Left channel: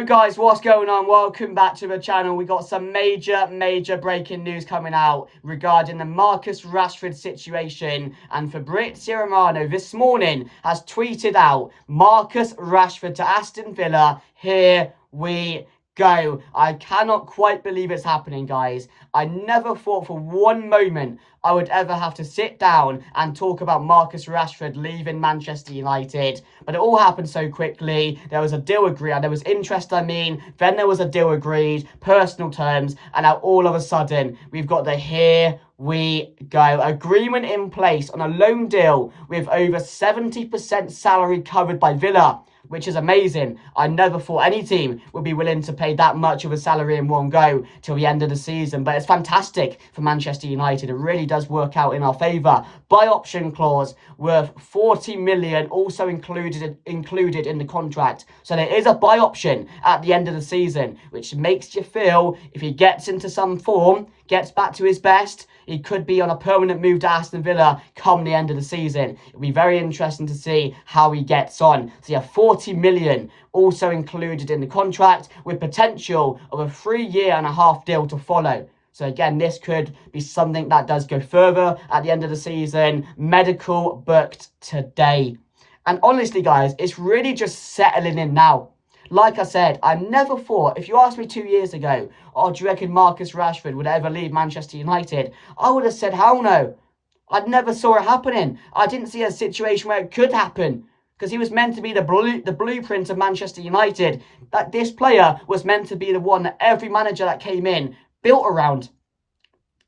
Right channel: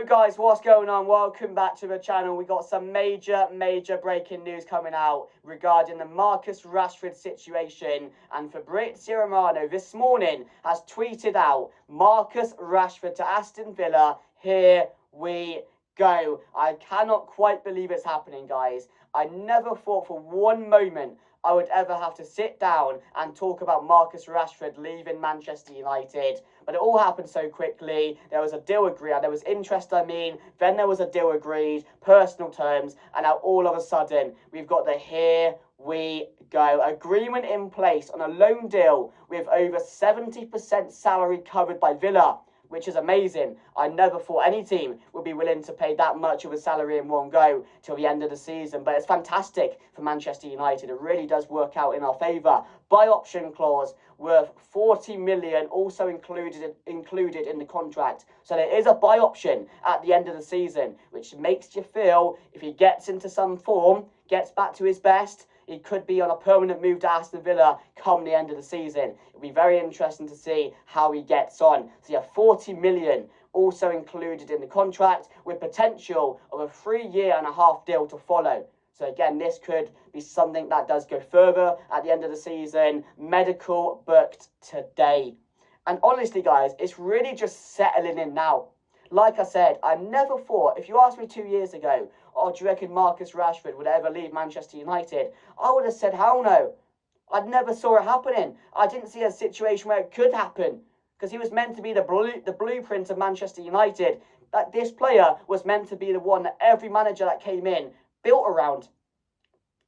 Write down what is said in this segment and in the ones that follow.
Yo guys, what's going on? Welcome back to the channel. We got some major breaking news coming out regarding the Marcus Rashford situation, and Fabrizio Romano this morning has tweeted out Marcus Rashford to Aston Villa. Here we go. I cannot quite believe it's happening, guys. I never thought for one moment I would ever have to sit down and talk about Marcus Rashford leaving Manchester United, but it all happened so quickly. There was a deal agreed, and there was interest, then there was a deal agreed, personal terms, and now all of a sudden we've got the here we go agreement in place on a loan deal with over 70% salary covered by Villa, which is amazing. I never thought any team would be willing to pay that much of a salary in one go till the end of the season, but it's fantastic for Manchester United. It really does work out in our favour. Buy option clause worth 40 million also included in the contract. So there is a buy option at the end of the season, which makes you feel if he gets into some form, gets back to his best, he could be on a permanent move to Aston Villa come the end of the season. It'll be very interesting to see how he gets on. So yeah, 40 million also included in the contract with potential of a 3.5-year deal to follow. So again, this could be something that does go further at the end of the season. Medical booked today. And honestly, guys, it's really just settling in now. Like I said, I never thought, if you asked me 2 years ago, oh, do you reckon Marcus Rashford would ever leave Manchester United? I would have said, hell no. I never saw it happening. I didn't see a situation where it could happen, because he was meant to be the blueprint of Manchester United. That this player was meant to be the one that every manager that came in built around.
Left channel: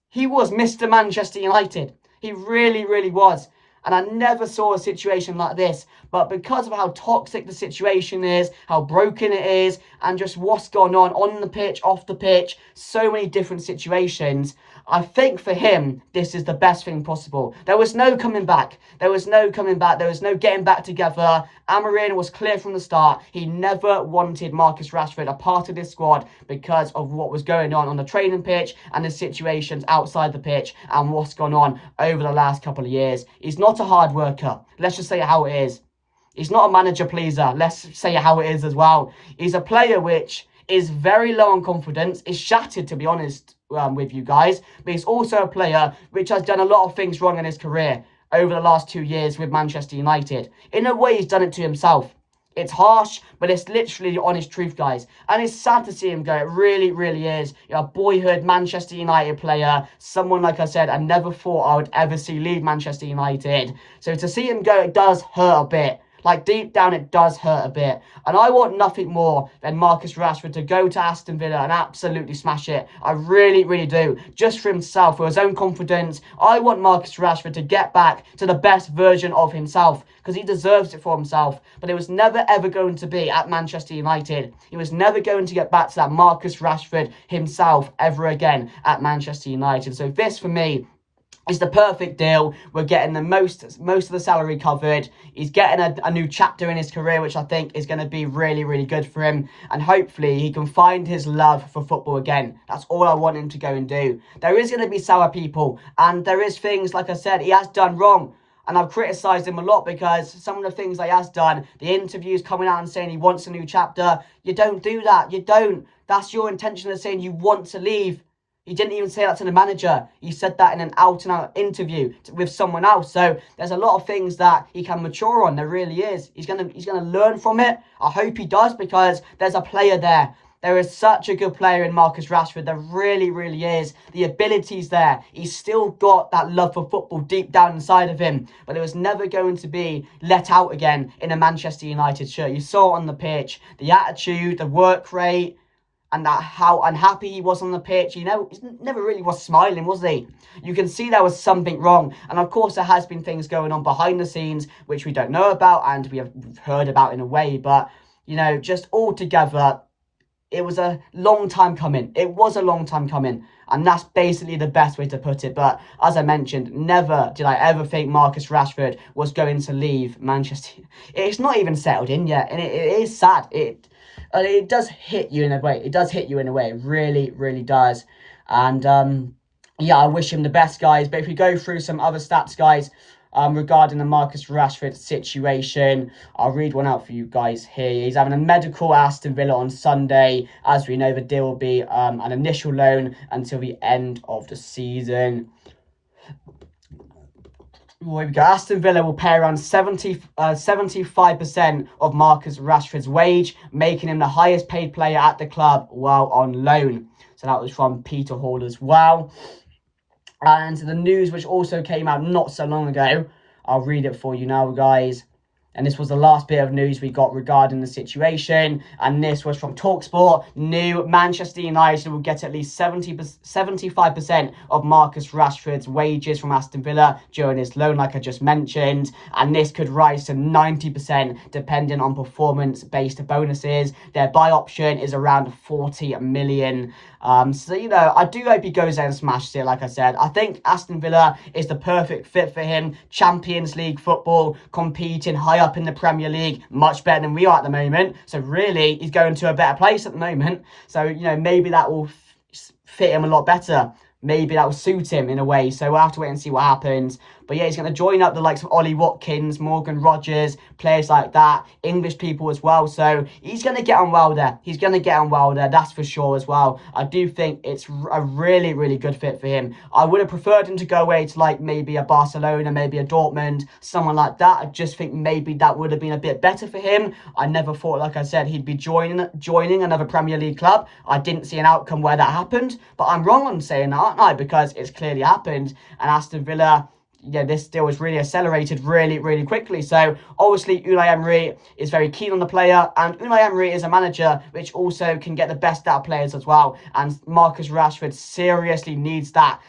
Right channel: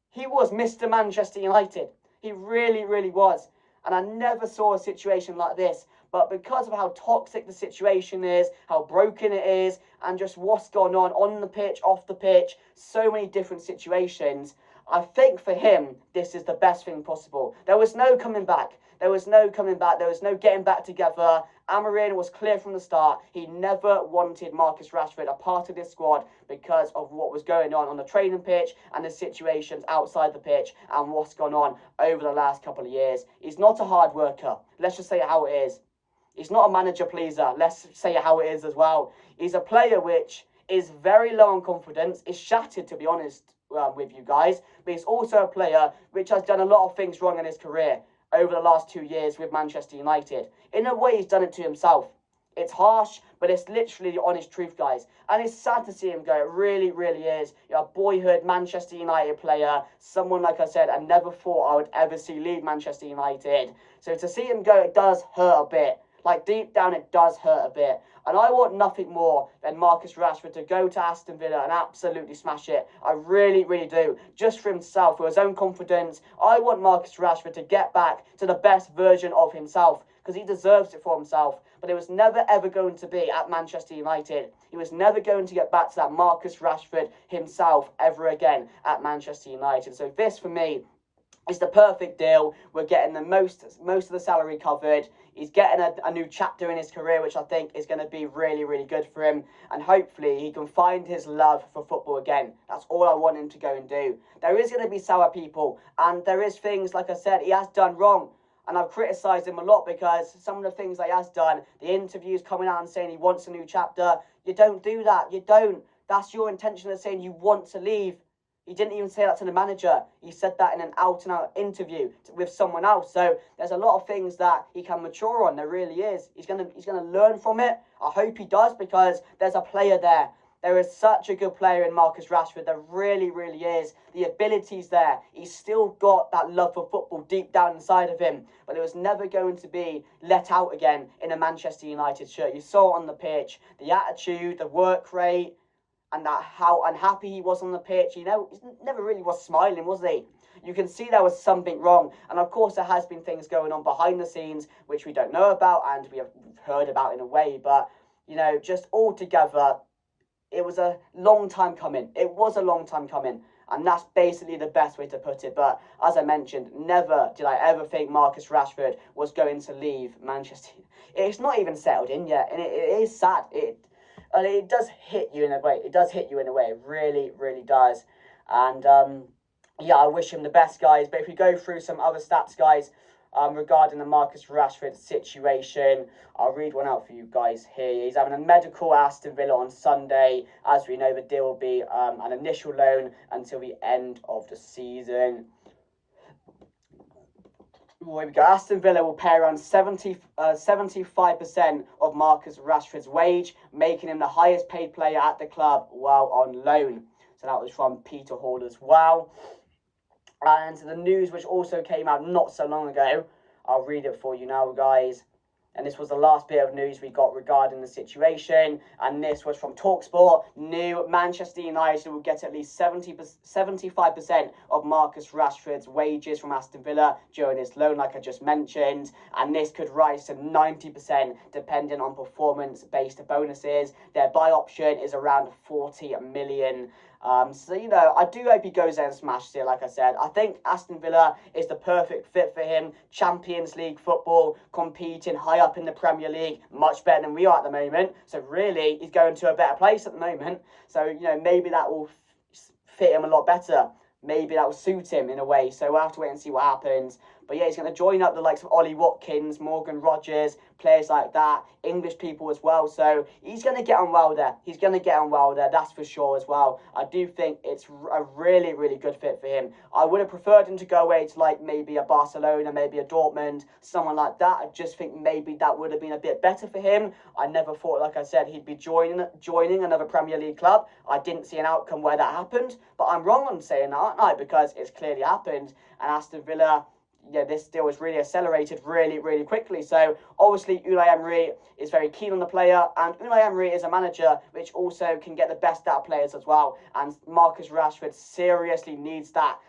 He was Mr. Manchester United. He really was. And I never saw a situation like this. But because of how toxic the situation is, how broken it is, and just what's gone on the pitch, off the pitch, so many different situations, I think for him, this is the best thing possible. There was no coming back. There was no getting back together. Amorim was clear from the start. He never wanted Marcus Rashford a part of this squad because of what was going on the training pitch and the situations outside the pitch and what's gone on over the last couple of years. He's not a hard worker. Let's just say it how it is. He's not a manager pleaser. Let's say it how it is as well. He's a player which is very low on confidence, is shattered, to be honest with you guys, but he's also a player which has done a lot of things wrong in his career over the last 2 years with Manchester United. In a way, he's done it to himself. It's harsh, but it's literally the honest truth, guys. And it's sad to see him go. It really is. You're a boyhood Manchester United player. Someone, like I said, I never thought I would ever see leave Manchester United. So to see him go, it does hurt a bit. Like, deep down, it does hurt a bit. And I want nothing more than Marcus Rashford to go to Aston Villa and absolutely smash it. I really do. Just for himself, for his own confidence. I want Marcus Rashford to get back to the best version of himself, because he deserves it for himself. But it was never ever going to be at Manchester United. He was never going to get back to that Marcus Rashford himself ever again at Manchester United. So this, for me, is the perfect deal. We're getting the most of the salary covered. He's getting a new chapter in his career, which I think is going to be really good for him. And hopefully he can find his love for football again. That's all I want him to go and do. There is going to be sour people, and there is things, like I said, he has done wrong. And I've criticised him a lot because some of the things he has done, the interviews coming out and saying he wants a new chapter, you don't do that. You don't. That's your intention of saying you want to leave. He didn't even say that to the manager. He said that in an out-and-out interview with someone else. So there's a lot of things that he can mature on. There really is. He's gonna learn from it. I hope he does, because there's a player there. There is such a good player in Marcus Rashford. There really is. The ability's there. He's still got that love for football deep down inside of him. But it was never going to be let out again in a Manchester United shirt. You saw it on the pitch. The attitude, the work rate, and that how unhappy he was on the pitch. You know, he never really was smiling, was he? You can see there was something wrong. And of course, there has been things going on behind the scenes, which we don't know about and we have heard about in a way. But, you know, just altogether, it was a long time coming. It was a long time coming. And that's basically the best way to put it. But as I mentioned, never did I ever think Marcus Rashford was going to leave Manchester. It's not even settled in yet. And it is sad. It does hit you in a way. It does hit you in a way. It really does. And yeah, I wish him the best, guys. But if we go through some other stats, guys, regarding the Marcus Rashford situation. I'll read one out for you guys here. He's having a medical at Aston Villa on Sunday. As we know, the deal will be an initial loan until the end of the season. Well, here we go. Aston Villa will pay around 75% of Marcus Rashford's wage, making him the highest paid player at the club while on loan. So that was from Peter Hall as well. And the news which also came out not so long ago, I'll read it for you now, guys. And this was the last bit of news we got regarding the situation. And this was from TalkSport. New Manchester United will get at least 75% of Marcus Rashford's wages from Aston Villa during his loan, like I just mentioned. And this could rise to 90% depending on performance-based bonuses. Their buy option is around 40 million. So, you know, I do hope he goes there and smashes it, like I said. I think Aston Villa is the perfect fit for him. Champions League football, competing high up in the Premier League, much better than we are at the moment. So, really, he's going to a better place at the moment. So, you know, maybe that will fit him a lot better. Maybe that will suit him in a way. So we'll have to wait and see what happens. But yeah, he's going to join up the likes of Ollie Watkins, Morgan Rogers, players like that, English people as well. So he's going to get on well there. He's going to get on well there, that's for sure as well. I do think it's a really, really good fit for him. I would have preferred him to go away to like maybe a Barcelona, maybe a Dortmund, someone like that. I just think maybe that would have been a bit better for him. I never thought, like I said, he'd be joining another Premier League club. I didn't see an outcome where that happened. But I'm wrong on saying that, aren't I? Because it's clearly happened. And Aston Villa, yeah, this deal was really accelerated really, really quickly. So obviously Unai Emery is very keen on the player, and Unai Emery is a manager which also can get the best out of players as well. And Marcus Rashford seriously needs that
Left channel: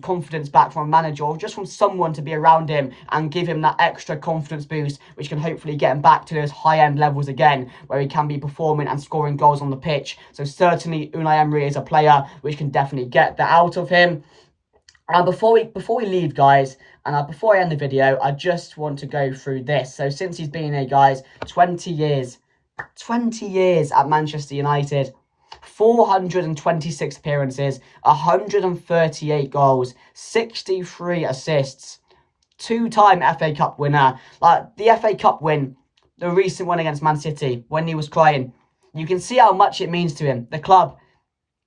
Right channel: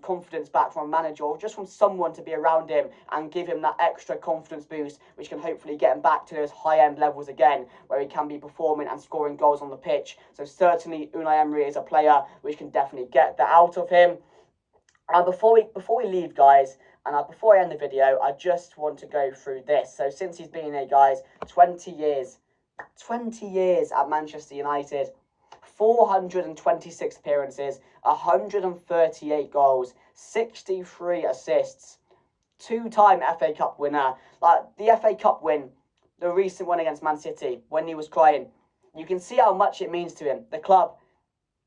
confidence back from a manager, or just from someone to be around him and give him that extra confidence boost, which can hopefully get him back to those high-end levels again, where he can be performing and scoring goals on the pitch. So certainly Unai Emery is a player which can definitely get that out of him. And before we leave, guys, and before I end the video, I just want to go through this. So since he's been here, guys, 20 years at Manchester United, 426 appearances, 138 goals, 63 assists, two-time FA Cup winner. Like the FA Cup win, the recent one against Man City, when he was crying, you can see how much it means to him, the club.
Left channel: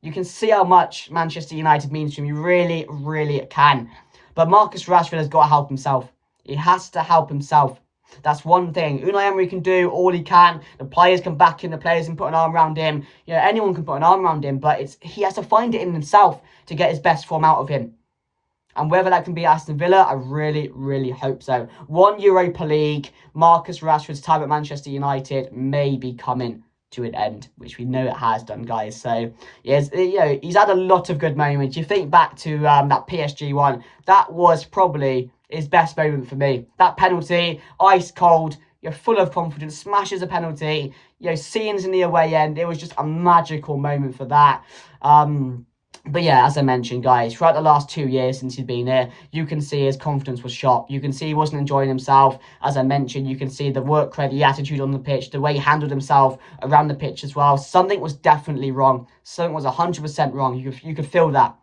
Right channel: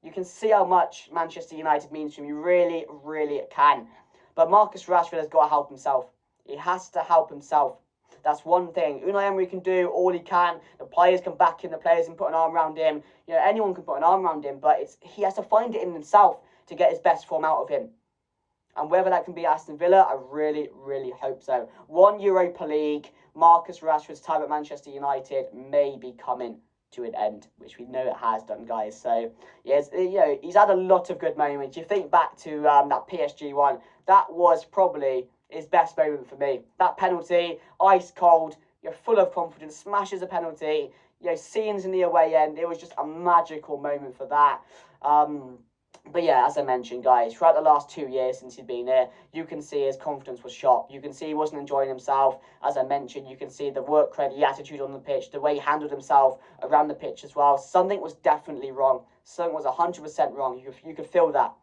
You can see how much Manchester United means to him. You really, really can. But Marcus Rashford has got to help himself. He has to help himself. That's one thing. Unai Emery can do all he can. The players can back him. The players can put an arm around him. You know, anyone can put an arm around him. But he has to find it in himself to get his best form out of him. And whether that can be Aston Villa, I really, really hope so. One Europa League, Marcus Rashford's time at Manchester United may be coming to an end, which we know it has done, guys. So yes, you know, he's had a lot of good moments. You think back to that PSG one, that was probably his best moment for me. That penalty, ice cold, you're full of confidence, smashes a penalty, you know, scenes in the away end. It was just a magical moment for that. But yeah, as I mentioned, guys, throughout the last 2 years since he's been here, you can see his confidence was shot. You can see he wasn't enjoying himself. As I mentioned, you can see the work rate, the attitude on the pitch, the way he handled himself around the pitch as well. Something was definitely wrong. Something was 100% wrong. You could feel that.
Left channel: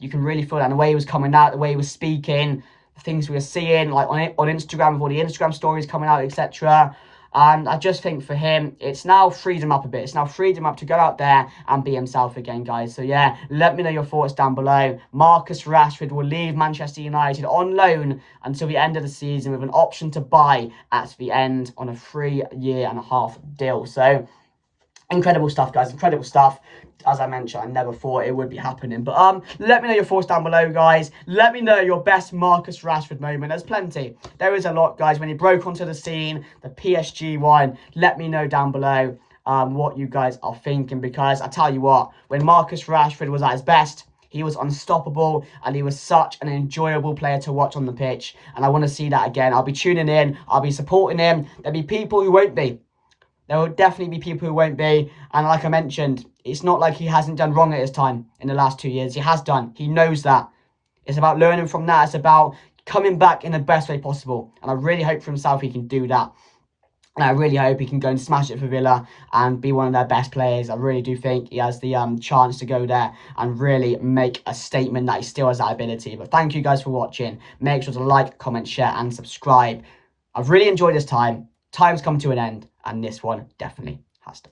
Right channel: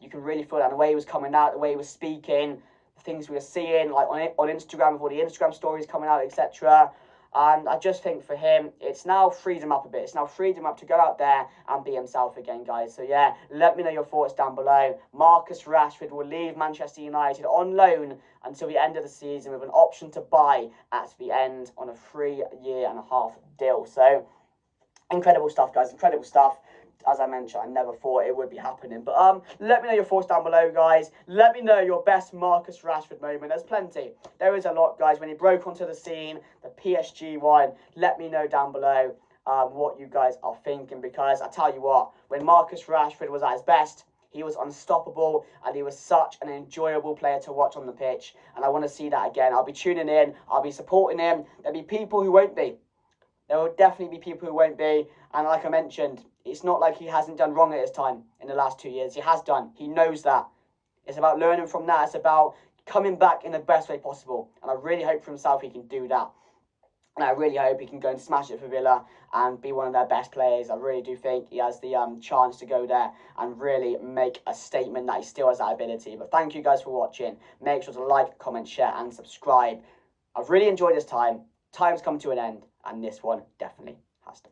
You can really feel that. And the way he was coming out, the way he was speaking, the things we were seeing, like on Instagram, with all the Instagram stories coming out, etc. And I just think for him, it's now freed him up a bit. It's now freed him up to go out there and be himself again, guys. So yeah, let me know your thoughts down below. Marcus Rashford will leave Manchester United on loan until the end of the season with an option to buy at the end on a 3.5-year deal. So incredible stuff, guys. Incredible stuff. As I mentioned, I never thought it would be happening. But let me know your thoughts down below, guys. Let me know your best Marcus Rashford moment. There's plenty. There is a lot, guys. When he broke onto the scene, the PSG one, let me know down below what you guys are thinking. Because I tell you what, when Marcus Rashford was at his best, he was unstoppable, and he was such an enjoyable player to watch on the pitch. And I want to see that again. I'll be tuning in. I'll be supporting him. There'll be people who won't be. There will definitely be people who won't be. And like I mentioned, it's not like he hasn't done wrong at his time in the last 2 years. He has done. He knows that. It's about learning from that. It's about coming back in the best way possible. And I really hope for himself he can do that. And I really hope he can go and smash it for Villa and be one of their best players. I really do think he has the chance to go there and really make a statement that he still has that ability. But thank you guys for watching. Make sure to like, comment, share, and subscribe. I've really enjoyed this time. Time's come to an end, and this one definitely has to.